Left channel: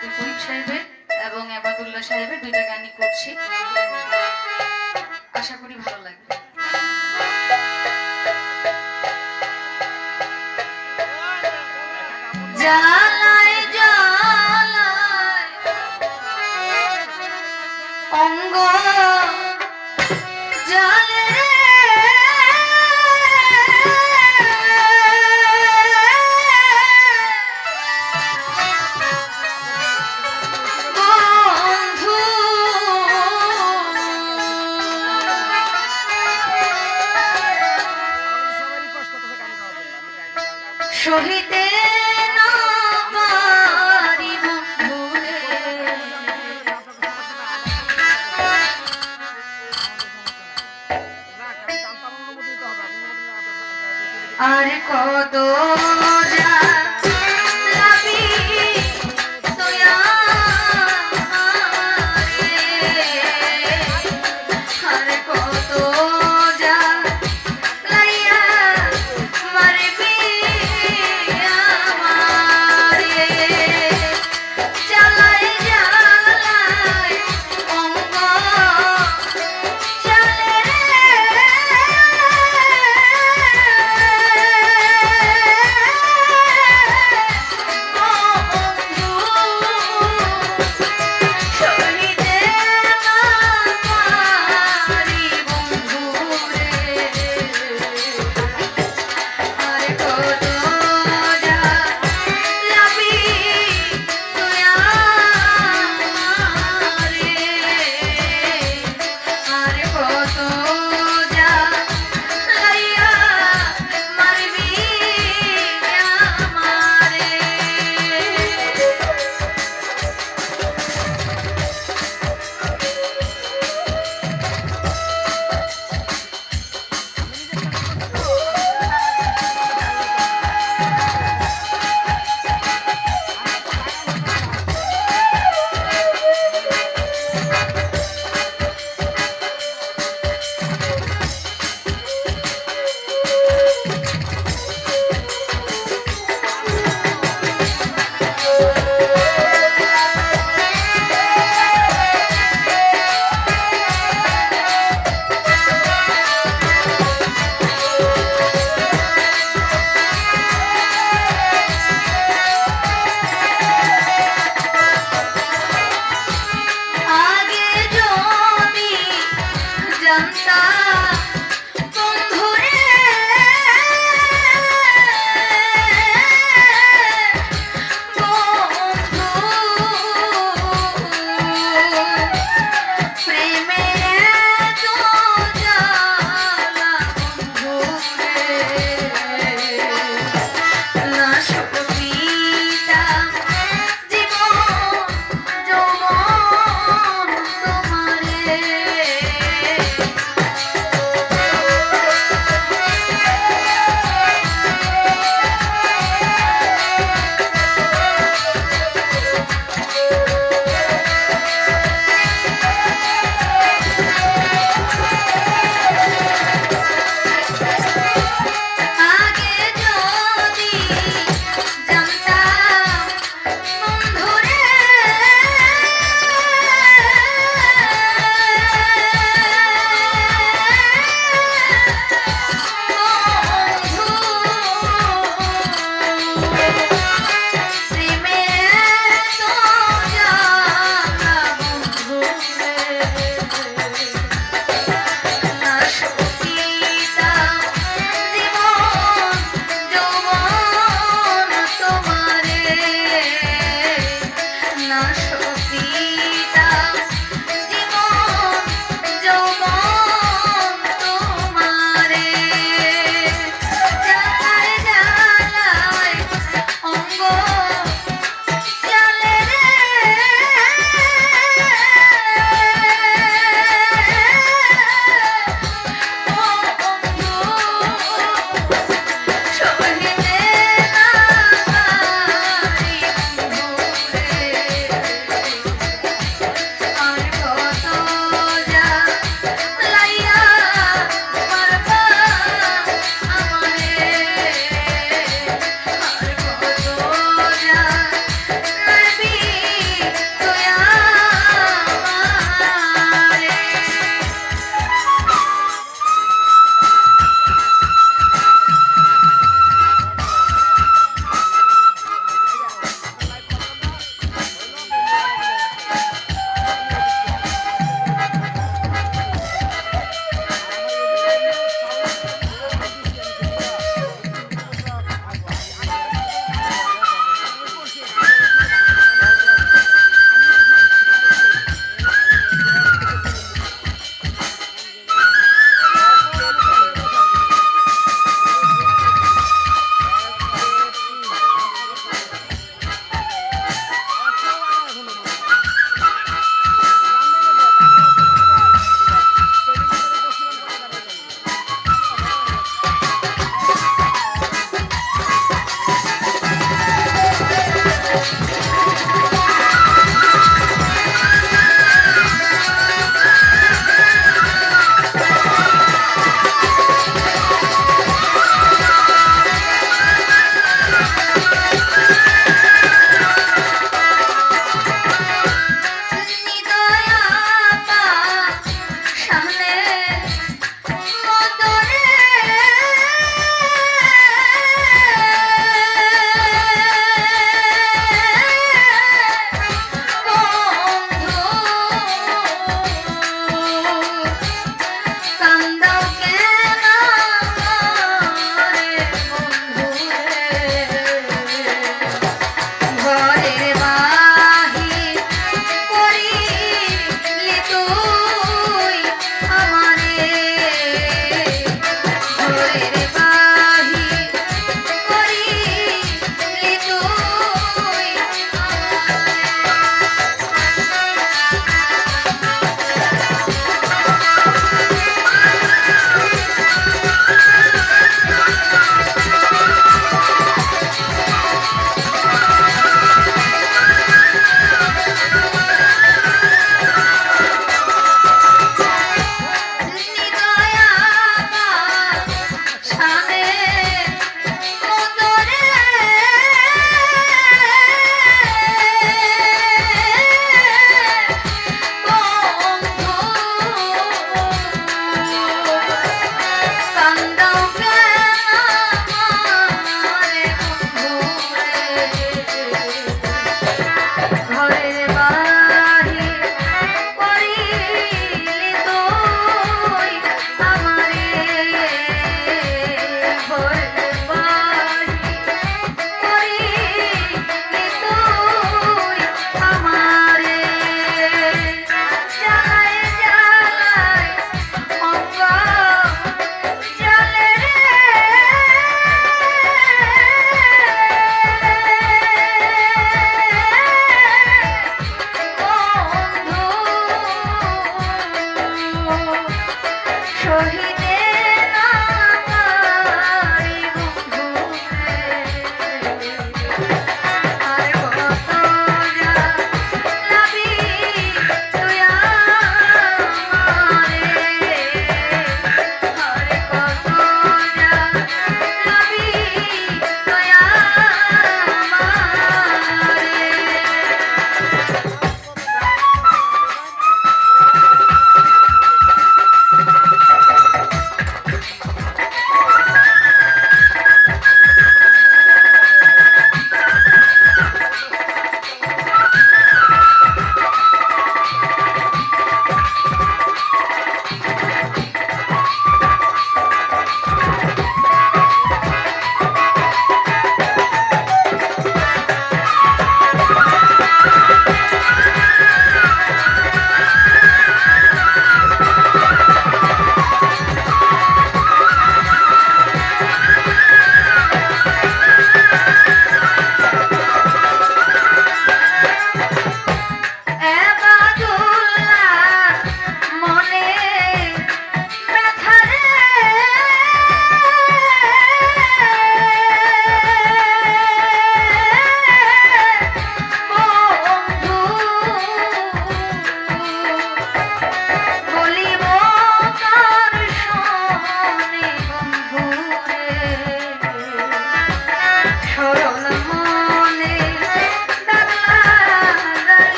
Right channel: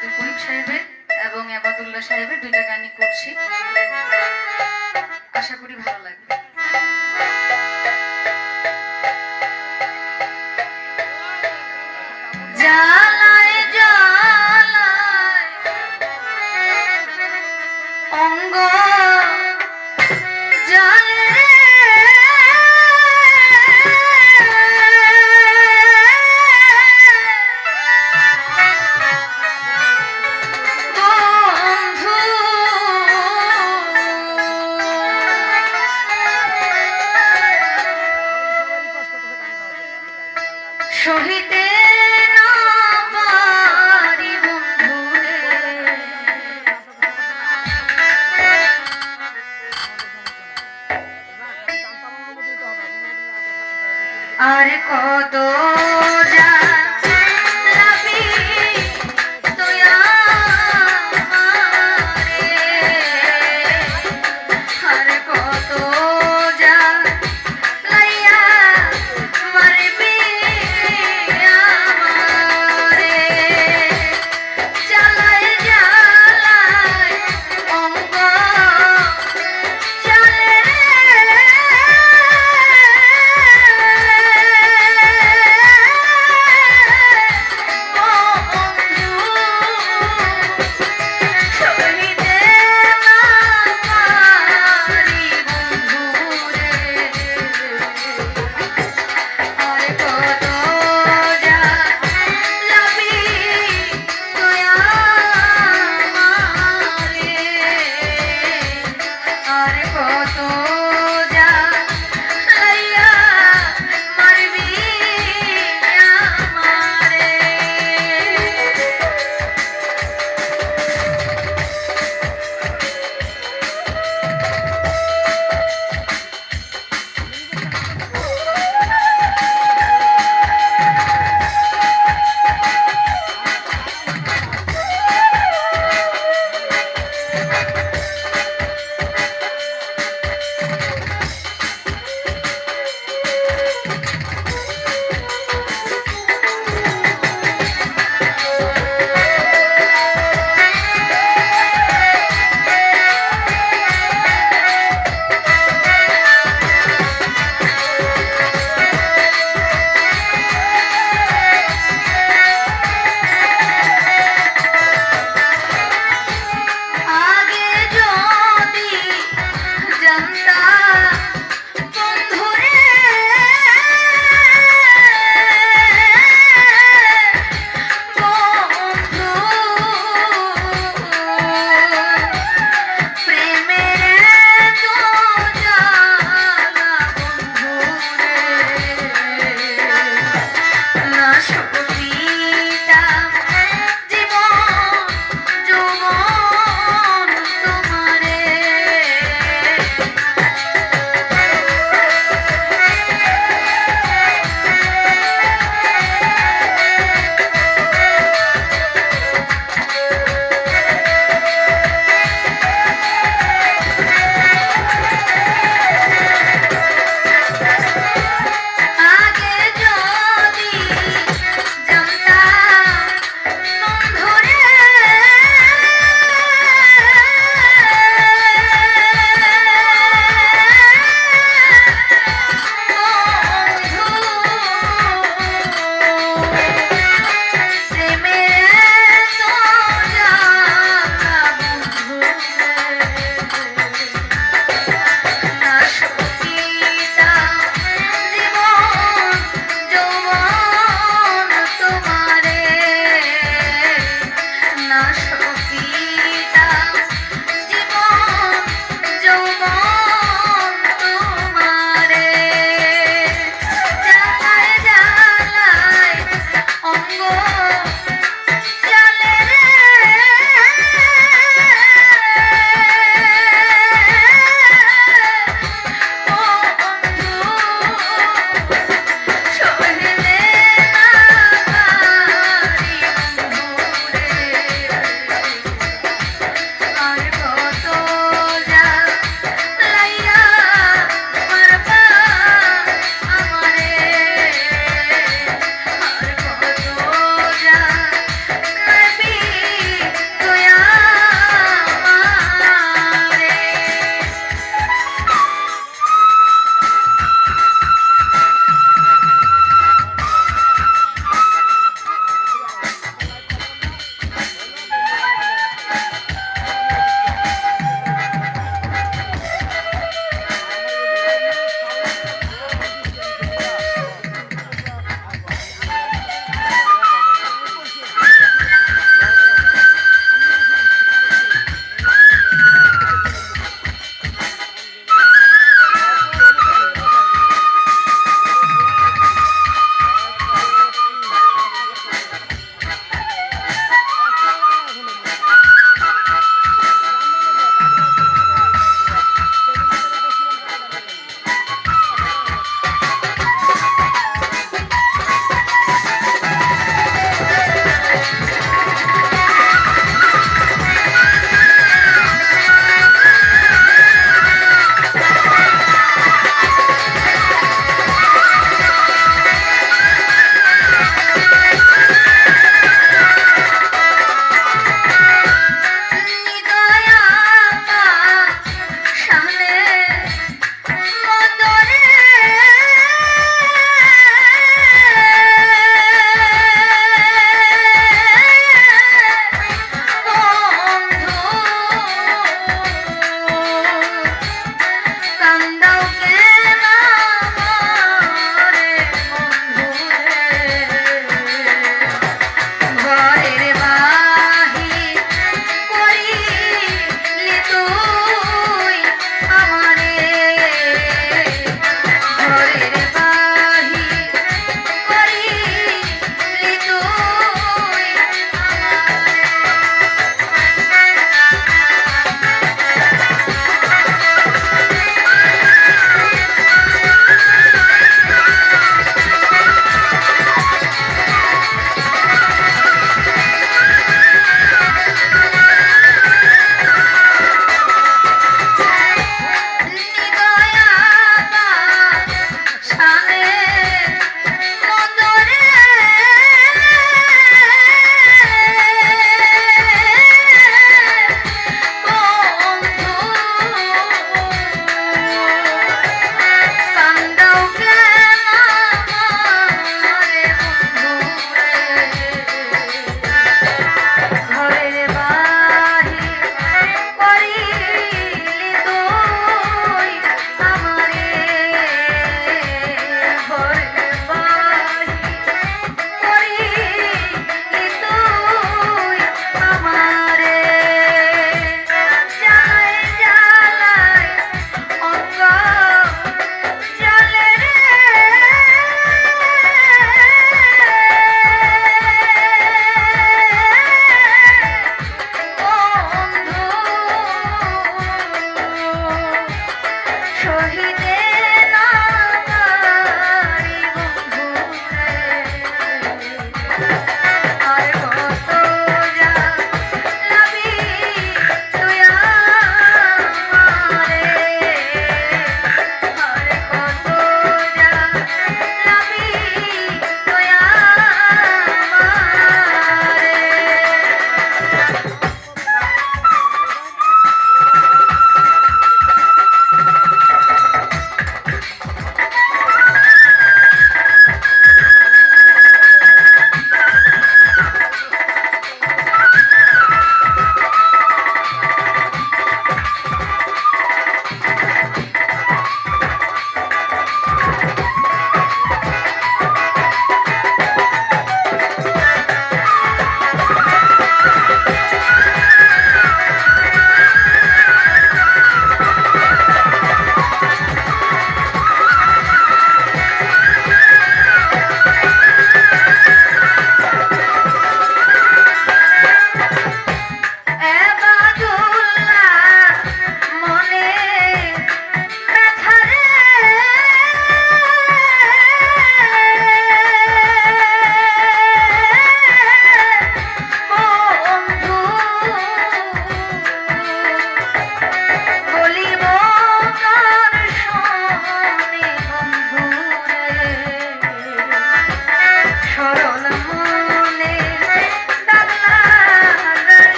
আব্দুল করিম সাহেবের এবং আবাদুল্লাহ সাহেবের দুইটা গানই করছি। আশা করি ভালো লাগবে। যা